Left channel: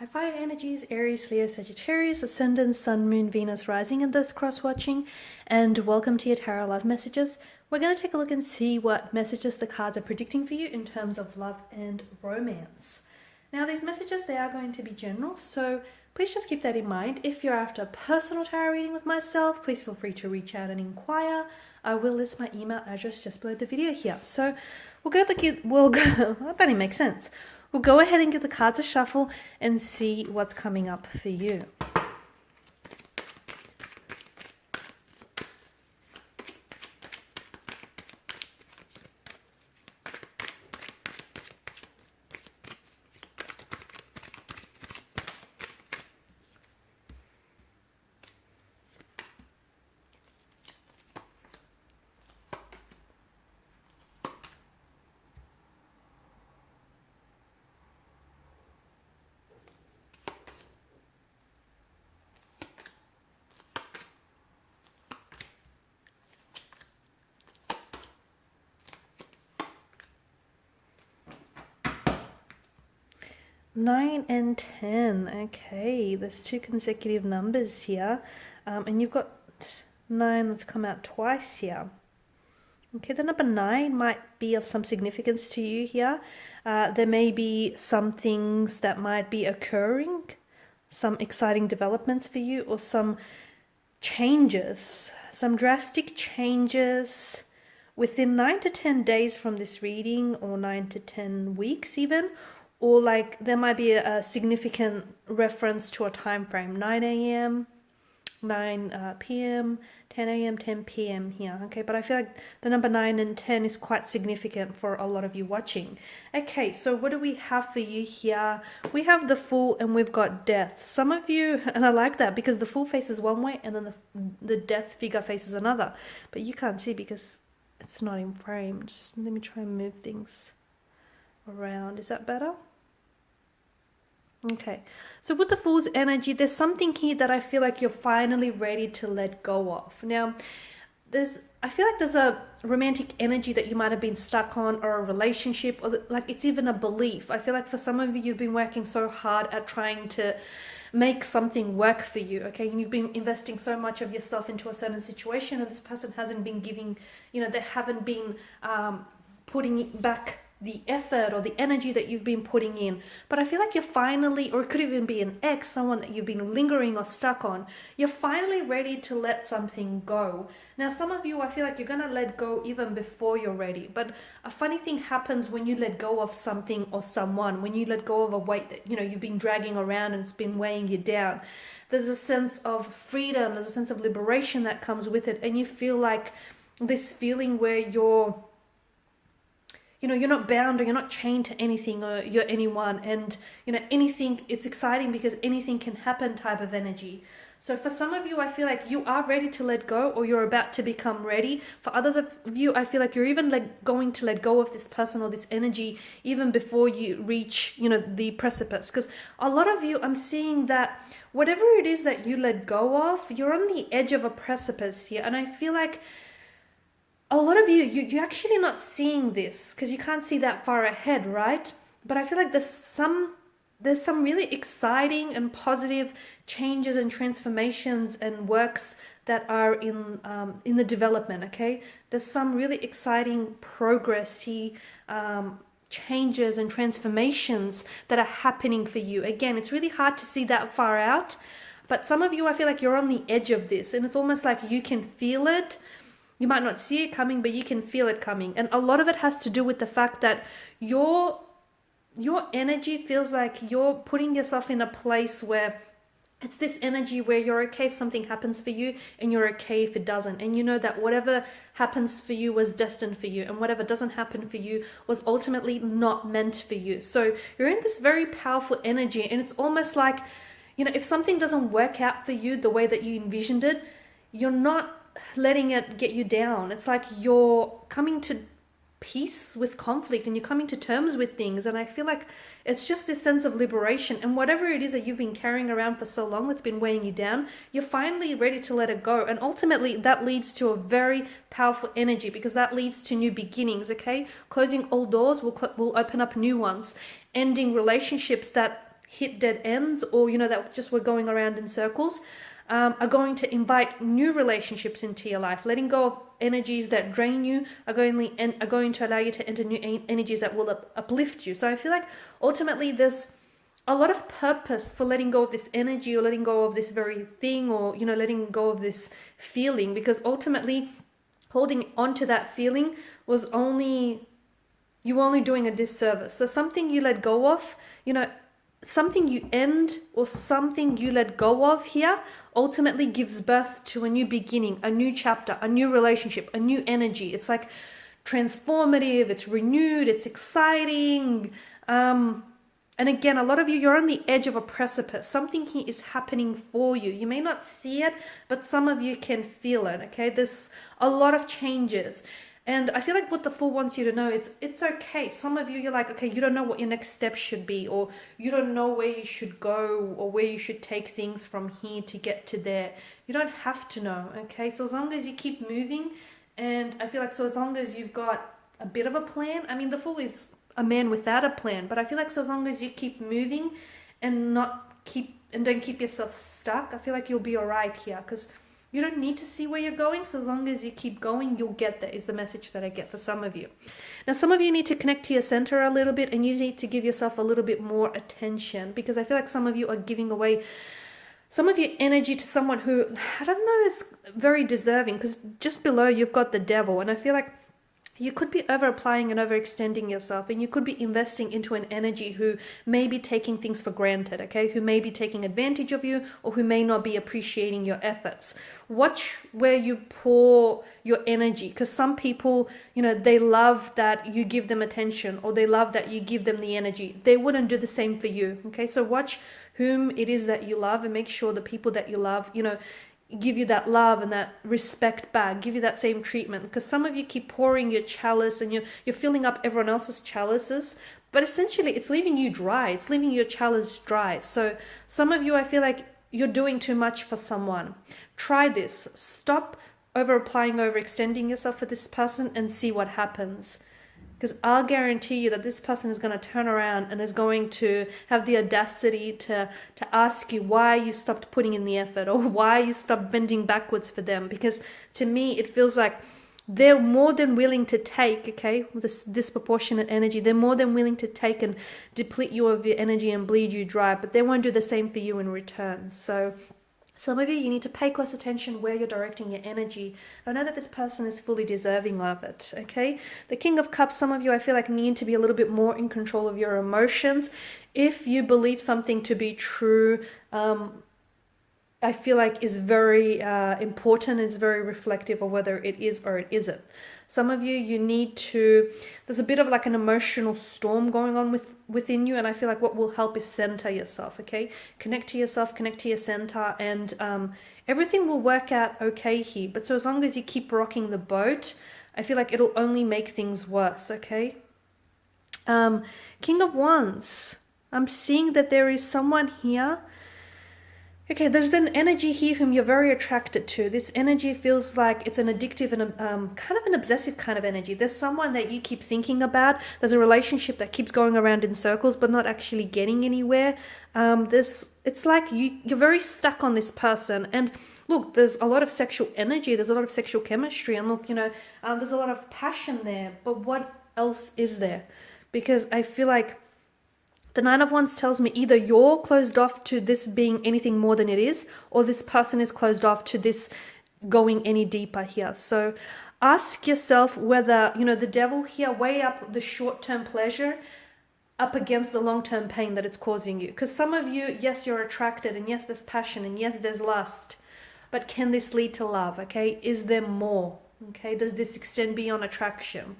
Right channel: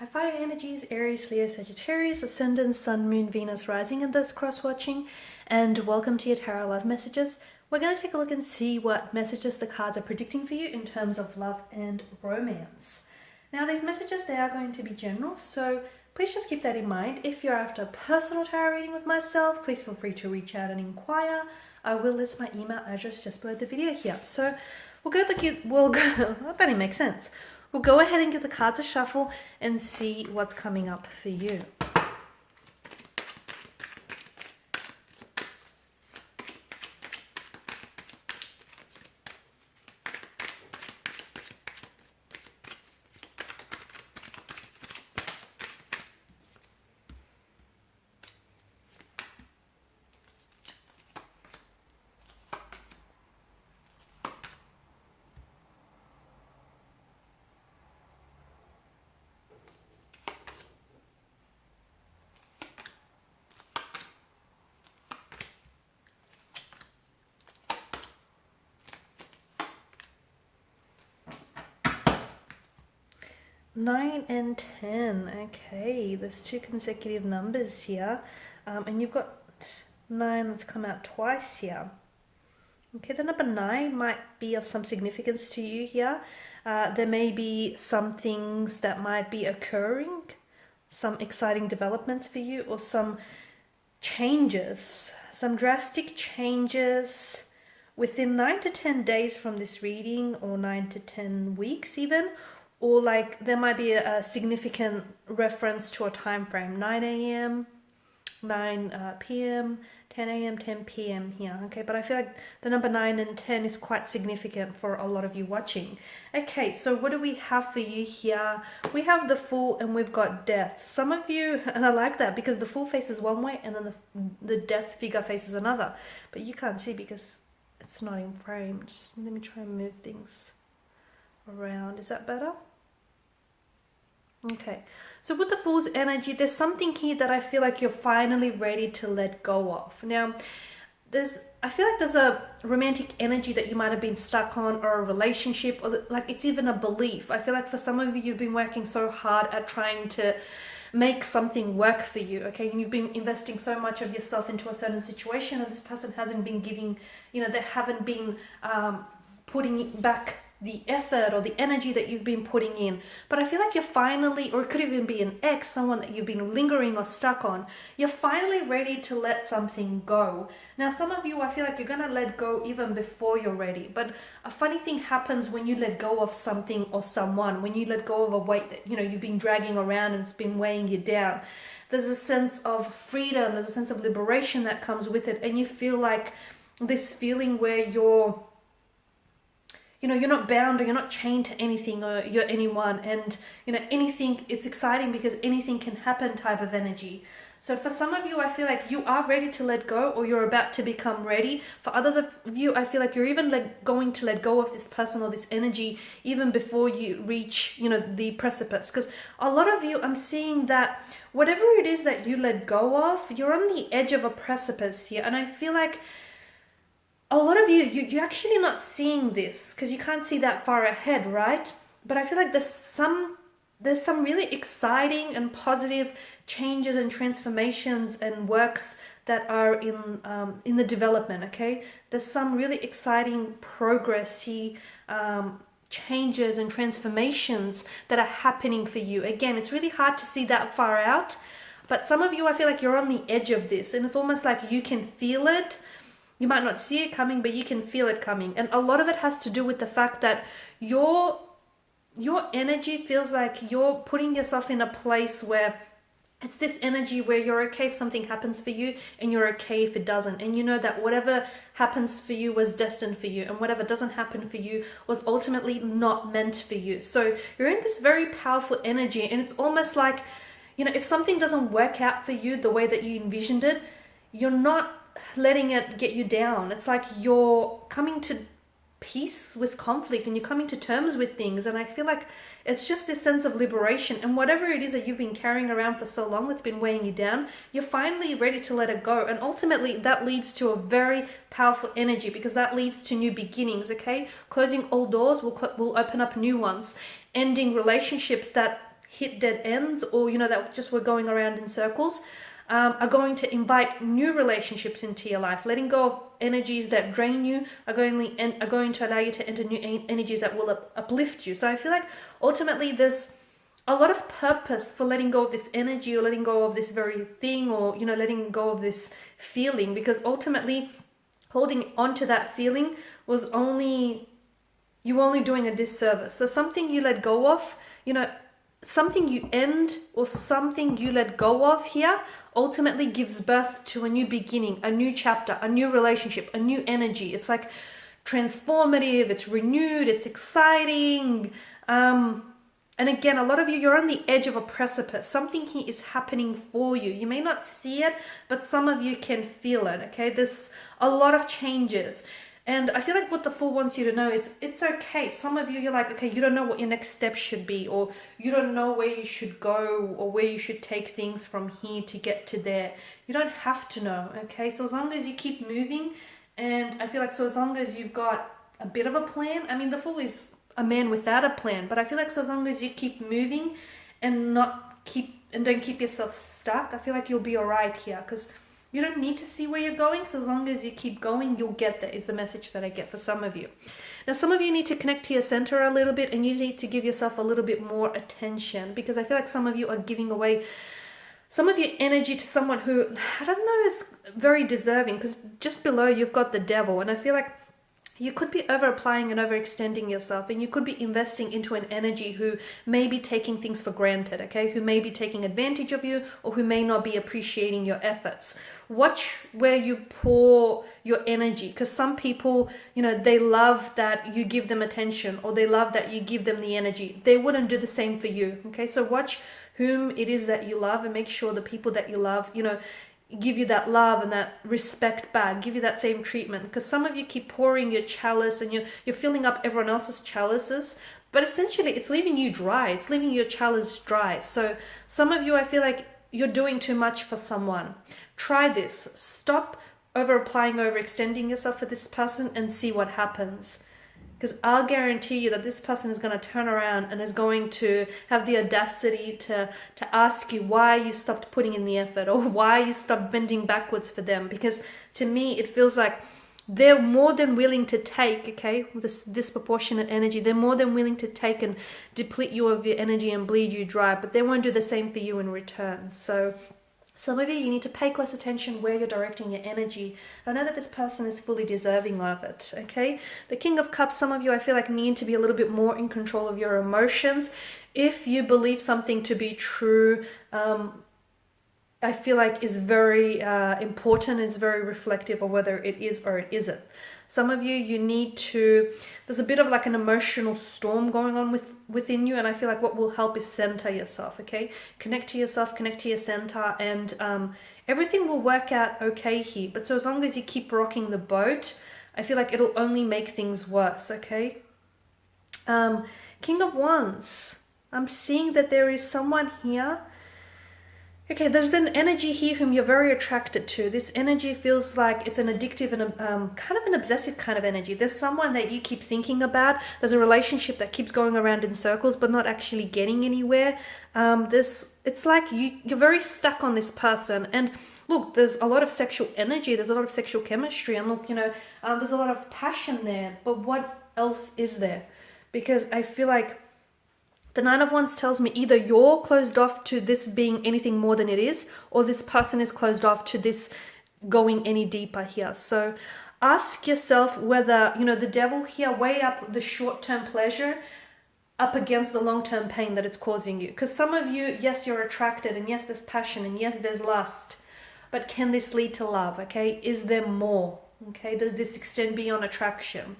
Hi Fire Energies, Aries, Leo, Sagittarius, Ascendant, Sun, Moon, Venus, Rising in this cross-watching, and welcome to your Tarot Love Messages. We're going to take a look and see what messages the cards are predicting for you in terms of love and romance. Now these messages, they are going to be general, so please just keep that in mind. If you're after a personal tarot reading with myself, please feel free to reach out and inquire. I will list my email address just below the video here. So that didn't make sense. We'll go ahead and give the cards a shuffle and see what's coming up for you. Nine and 10. Okay, there's two consecutive numbers here. And you've got 9 that's come out twice here. Okay, the number 9 might be of some significance to you here. There may be some things that might be occurring, some exciting developments for you, or some changes, some drastic changes within 9 to 10 days from this reading, or 9 to 10 weeks even. Or like there might be a significant reference to a time frame, 9 a.m., 9 p.m., 10 a.m., 10 p.m. here. Okay, but I feel like the number 9 and 10 is quite significant for a lot of you watching. Okay, so what do we have for you here? We have the Fool and we've got Death. Some of you, and I like that because the Fool faces one way and then the Death figure faces another. But you can't see because it's not in frame. Just let me try and move things around. Is that better? Okay, so with the Fool's energy, there's something here that I feel like you're finally ready to let go of. Now, I feel like there's a romantic energy that you might have been stuck on, or a relationship, or like it's even a belief. I feel like for some of you, you've been working so hard at trying to make something work for you, okay? And you've been investing so much of yourself into a certain situation, and this person hasn't been giving, they haven't been putting back the effort or the energy that you've been putting in. But I feel like you're finally, or it could even be an ex, someone that you've been lingering or stuck on, you're finally ready to let something go. Now, some of you, I feel like you're going to let go even before you're ready. But a funny thing happens when you let go of something or someone, when you let go of a weight that, you've been dragging around and it's been weighing you down. There's a sense of freedom, there's a sense of liberation that comes with it. And you feel like this feeling where you're not bound or you're not chained to anything or you're anyone, and anything, it's exciting because anything can happen type of energy. So for some of you, I feel like you are ready to let go, or you're about to become ready. For others of you, I feel like you're even going to let go of this person or this energy even before you reach the precipice. Because a lot of you, I'm seeing that whatever it is that you let go of, you're on the edge of a precipice here. And I feel like a lot of you're actually not seeing this because you can't see that far ahead, right? But I feel like there's some really exciting and positive changes and transformations and works that are in the development, okay? There's some really exciting progressy changes and transformations that are happening for you. Again, it's really hard to see that far out, but some of you, I feel like you're on the edge of this, and it's almost like you can feel it. You might not see it coming, but you can feel it coming. And a lot of it has to do with the fact that your energy feels like you're putting yourself in a place where it's this energy where you're okay if something happens for you, and you're okay if it doesn't. And you know that whatever happens for you was destined for you, and whatever doesn't happen for you was ultimately not meant for you. So you're in this very powerful energy, and it's almost like, if something doesn't work out for you the way that you envisioned it, you're not letting it get you down. It's like you're coming to peace with conflict, and you're coming to terms with things. And I feel like it's just this sense of liberation, and whatever it is that you've been carrying around for so long that's been weighing you down, you're finally ready to let it go. And ultimately that leads to a very powerful energy, because that leads to new beginnings, okay? Closing old doors will open up new ones. Ending relationships that hit dead ends, or that just were going around in circles, are going to invite new relationships into your life. Letting go of energies that drain you are going to allow you to enter new energies that will uplift you. So I feel like ultimately there's a lot of purpose for letting go of this energy, or letting go of this very thing, or letting go of this feeling, because ultimately holding on to that feeling was only doing a disservice. So something you let go of, something you end, or something you let go of here ultimately gives birth to a new beginning, a new chapter, a new relationship, a new energy. It's like transformative, it's renewed, it's exciting. And again, a lot of you're on the edge of a precipice. Something here is happening for you. You may not see it, but some of you can feel it, okay? There's a lot of changes. And I feel like what the Fool wants you to know, it's okay. Some of you're like, okay, you don't know what your next step should be, or you don't know where you should go, or where you should take things from here to get to there. You don't have to know, okay? So as long as you keep moving, and I feel like so as long as you've got a bit of a plan, I mean, the Fool is a man without a plan, but I feel like so as long as you keep moving and don't keep yourself stuck, I feel like you'll be all right here, because you don't need to see where you're going. So as long as you keep going, you'll get there, is the message that I get for some of you. Now, some of you need to connect to your center a little bit, and you need to give yourself a little bit more attention, because I feel like some of you are giving away some of your energy to someone who, I don't know, is very deserving, because just below you've got the Devil, and I feel like you could be over applying and overextending yourself, and you could be investing into an energy who may be taking things for granted, okay? Who may be taking advantage of you, or who may not be appreciating your efforts. Watch where you pour your energy, because some people, they love that you give them attention, or they love that you give them the energy. They wouldn't do the same for you, okay? So watch whom it is that you love, and make sure the people that you love, give you that love and that respect back, give you that same treatment, because some of you keep pouring your chalice, and you're filling up everyone else's chalices, but essentially it's leaving you dry. It's leaving your chalice dry. So some of you, I feel like you're doing too much for someone. Try this. Stop over applying, overextending yourself for this person, and see what happens. Because I'll guarantee you that this person is going to turn around and is going to have the audacity to ask you why you stopped putting in the effort, or why you stopped bending backwards for them. Because to me, it feels like they're more than willing to take, okay, this disproportionate energy. They're more than willing to take and deplete you of your energy and bleed you dry, but they won't do the same for you in return. So some of you need to pay close attention where you're directing your energy. I know that this person is fully deserving of it, okay? The King of Cups, some of you, I feel like, need to be a little bit more in control of your emotions. If you believe something to be true, I feel like is very important, is very reflective of whether it is or it isn't. Some of you need to, there's a bit of like an emotional storm going on within you, and I feel like what will help is center yourself, okay? Connect to yourself, connect to your center, and everything will work out okay here. But so as long as you keep rocking the boat, I feel like it'll only make things worse, okay? King of Wands, I'm seeing that there is someone here. Okay, there's an energy here whom you're very attracted to. This energy feels like it's an addictive and kind of an obsessive kind of energy. There's someone that you keep thinking about. There's a relationship that keeps going around in circles but not actually getting anywhere. It's like you're very stuck on this person. And look, there's a lot of sexual energy. There's a lot of sexual chemistry. And look, there's a lot of passion there. But what else is there? Because I feel like the Nine of Wands tells me either you're closed off to this being anything more than it is, or this person is closed off to this going any deeper here. So ask yourself whether, the Devil here, weigh up the short-term pleasure up against the long-term pain that it's causing you. Because some of you, yes, you're attracted, and yes, there's passion, and yes, there's lust. But can this lead to love, okay? Is there more, okay? Does this extend beyond attraction?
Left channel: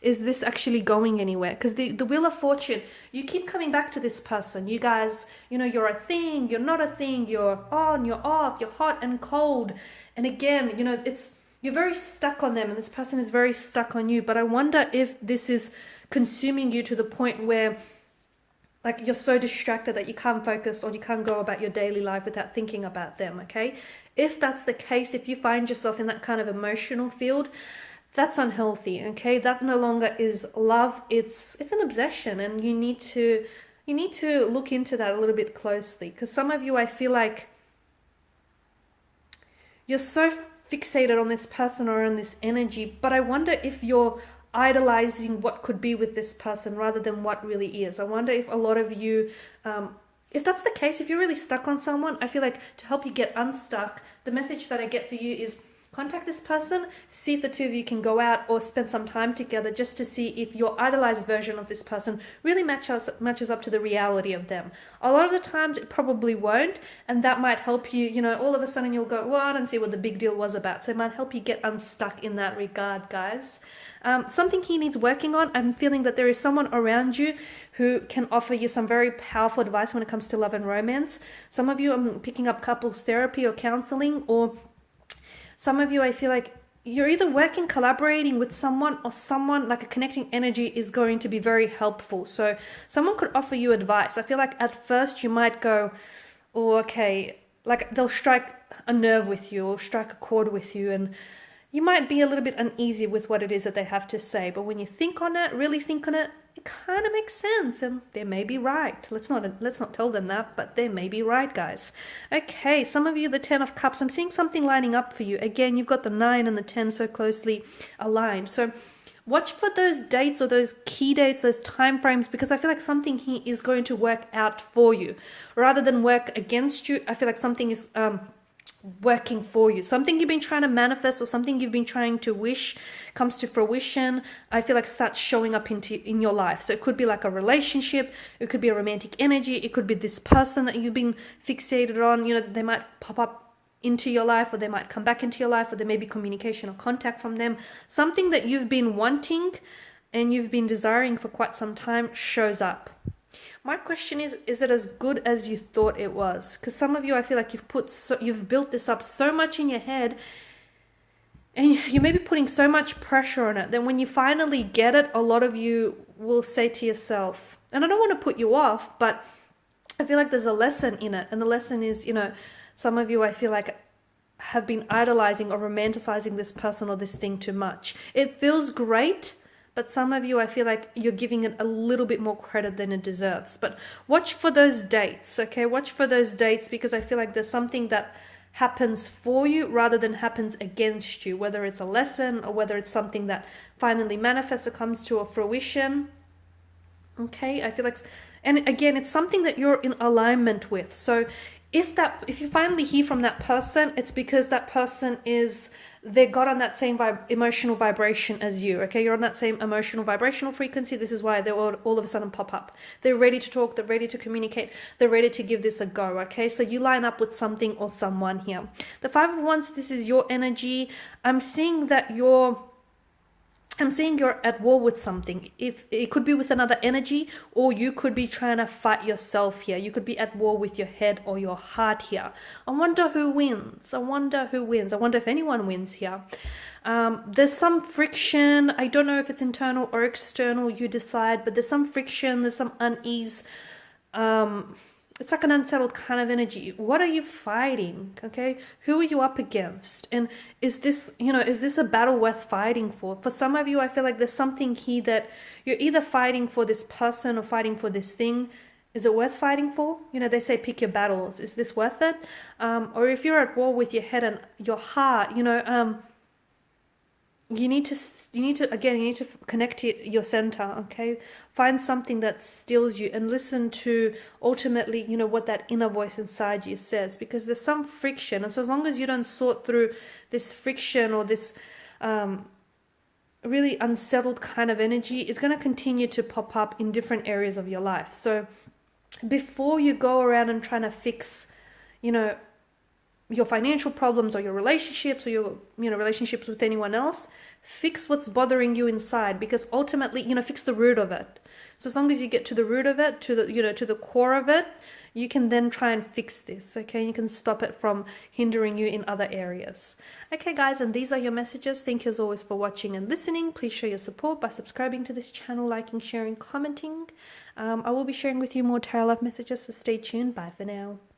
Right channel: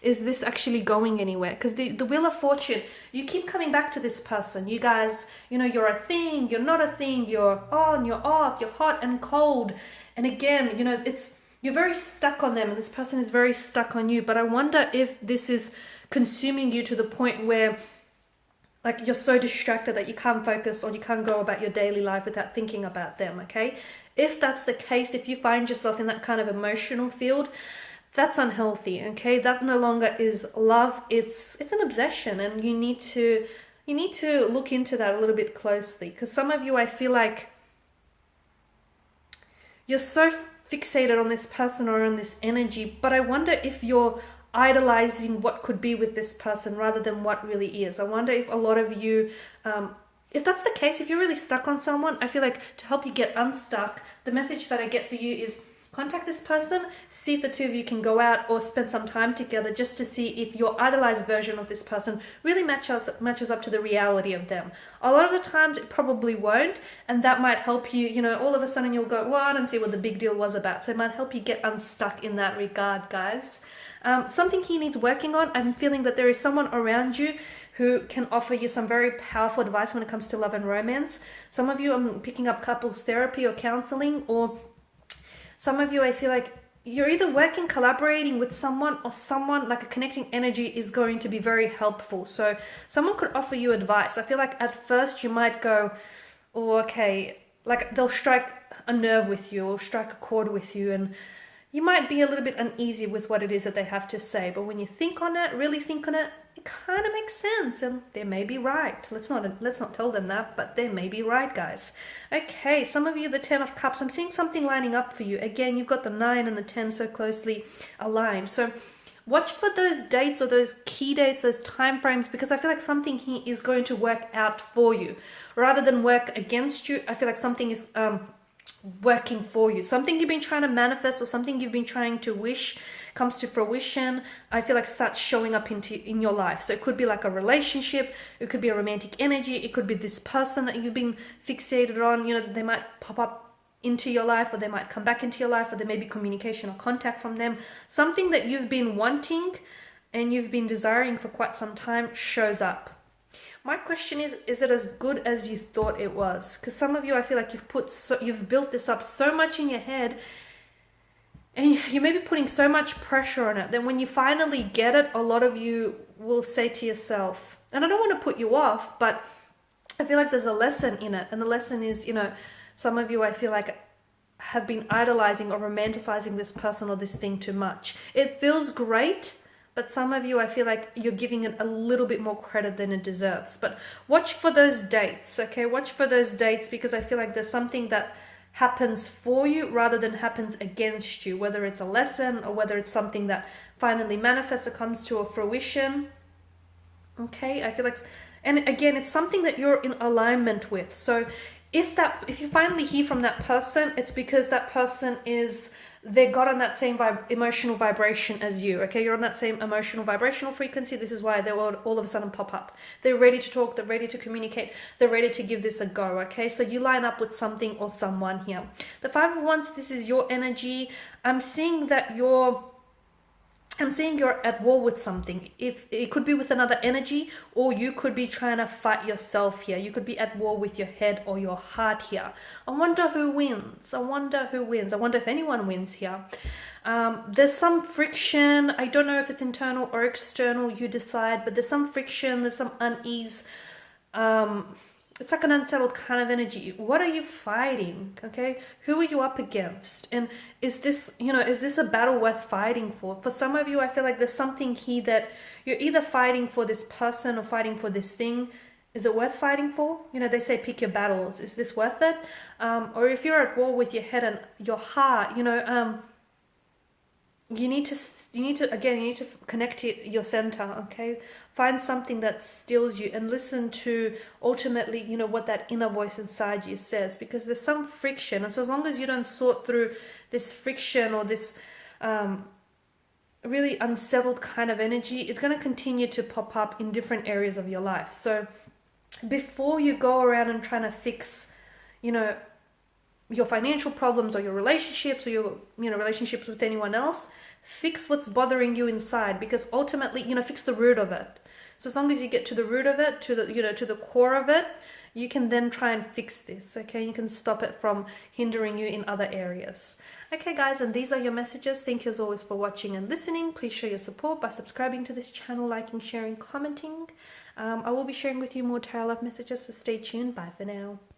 Is this actually going anywhere? Because the Wheel of Fortune, you keep coming back to this person. You guys, you're a thing, you're not a thing, you're on, you're off, you're hot and cold. And again, you're very stuck on them, and this person is very stuck on you. But I wonder if this is consuming you to the point where, like, you're so distracted that you can't focus, or you can't go about your daily life without thinking about them, okay? If that's the case, if you find yourself in that kind of emotional field, that's unhealthy, okay? That no longer is love. It's an obsession, and you need to you need to look into that a little bit closely, because some of you, I feel like you're so fixated on this person or on this energy, but I wonder if you're idolizing what could be with this person rather than what really is. I wonder if a lot of you, if that's the case, if you're really stuck on someone, I feel like to help you get unstuck, the message that I get for you is contact this person, see if the two of you can go out or spend some time together, just to see if your idolized version of this person really matches up to the reality of them. A lot of the times it probably won't, and that might help you, all of a sudden you'll go, well, I don't see what the big deal was about. So it might help you get unstuck in that regard, guys. Something he needs working on. I'm feeling that there is someone around you who can offer you some very powerful advice when it comes to love and romance. Some of you are picking up couples therapy or counseling, or some of you, I feel like you're either working, collaborating with someone, or someone like a connecting energy is going to be very helpful. So someone could offer you advice. I feel like at first you might go, oh, okay, like they'll strike a nerve with you or strike a chord with you, and you might be a little bit uneasy with what it is that they have to say. But when you think on it, really think on it, it kind of makes sense, and they may be right. Let's not tell them that, but they may be right, guys. Okay, some of you, the 10 of Cups, I'm seeing something lining up for you. Again, you've got the 9 and the 10 so closely aligned. So watch for those dates or those key dates, those time frames, because I feel like something here is going to work out for you rather than work against you. I feel like something is working for you. Something you've been trying to manifest or something you've been trying to wish comes to fruition. I feel like starts showing up in your life. So it could be like a relationship, it could be a romantic energy, it could be this person that you've been fixated on, that they might pop up into your life, or they might come back into your life, or there may be communication or contact from them. Something that you've been wanting and you've been desiring for quite some time shows up. My question is it as good as you thought it was? Because some of you, I feel like you've built this up so much in your head, and you may be putting so much pressure on it, then when you finally get it, a lot of you will say to yourself, and I don't want to put you off, but I feel like there's a lesson in it. And the lesson is, some of you, I feel like, have been idolizing or romanticizing this person or this thing too much. It feels great, but some of you, I feel like you're giving it a little bit more credit than it deserves. But watch for those dates, okay? Watch for those dates, because I feel like there's something that happens for you rather than happens against you, whether it's a lesson or whether it's something that finally manifests or comes to a fruition. Okay, I feel like, and again, it's something that you're in alignment with. So if you finally hear from that person, it's because that person they got on that same emotional vibration as you, okay? You're on that same emotional vibrational frequency. This is why they all of a sudden pop up. They're ready to talk. They're ready to communicate. They're ready to give this a go, okay? So you line up with something or someone here. The 5 of Wands, this is your energy. I'm seeing you're at war with something. If it could be with another energy, or you could be trying to fight yourself here. You could be at war with your head or your heart here. I wonder who wins. I wonder if anyone wins here. There's some friction. I don't know if it's internal or external, you decide, but there's some friction, there's some unease. It's like an unsettled kind of energy. What are you fighting? Okay, who are you up against? And is this a battle worth fighting for? For some of you, I feel like there's something here that you're either fighting for this person or fighting for this thing. Is it worth fighting for? They say pick your battles. Is this worth it? Or if you're at war with your head and your heart, you need to connect to your center, okay? Find something that stills you and listen to ultimately, what that inner voice inside you says, because there's some friction. And so as long as you don't sort through this friction or this really unsettled kind of energy, it's going to continue to pop up in different areas of your life. So before you go around and trying to fix, your financial problems or your relationships or your relationships with anyone else, fix what's bothering you inside, because ultimately fix the root of it. So as long as you get to the root of it, to the core of it, you can then try and fix this, okay? You can stop it from hindering you in other areas. Okay guys, and these are your messages. Thank you as always for watching and listening. Please show your support by subscribing to this channel, liking, sharing, commenting. I will be sharing with you more tarot love messages, so stay tuned. Bye for now.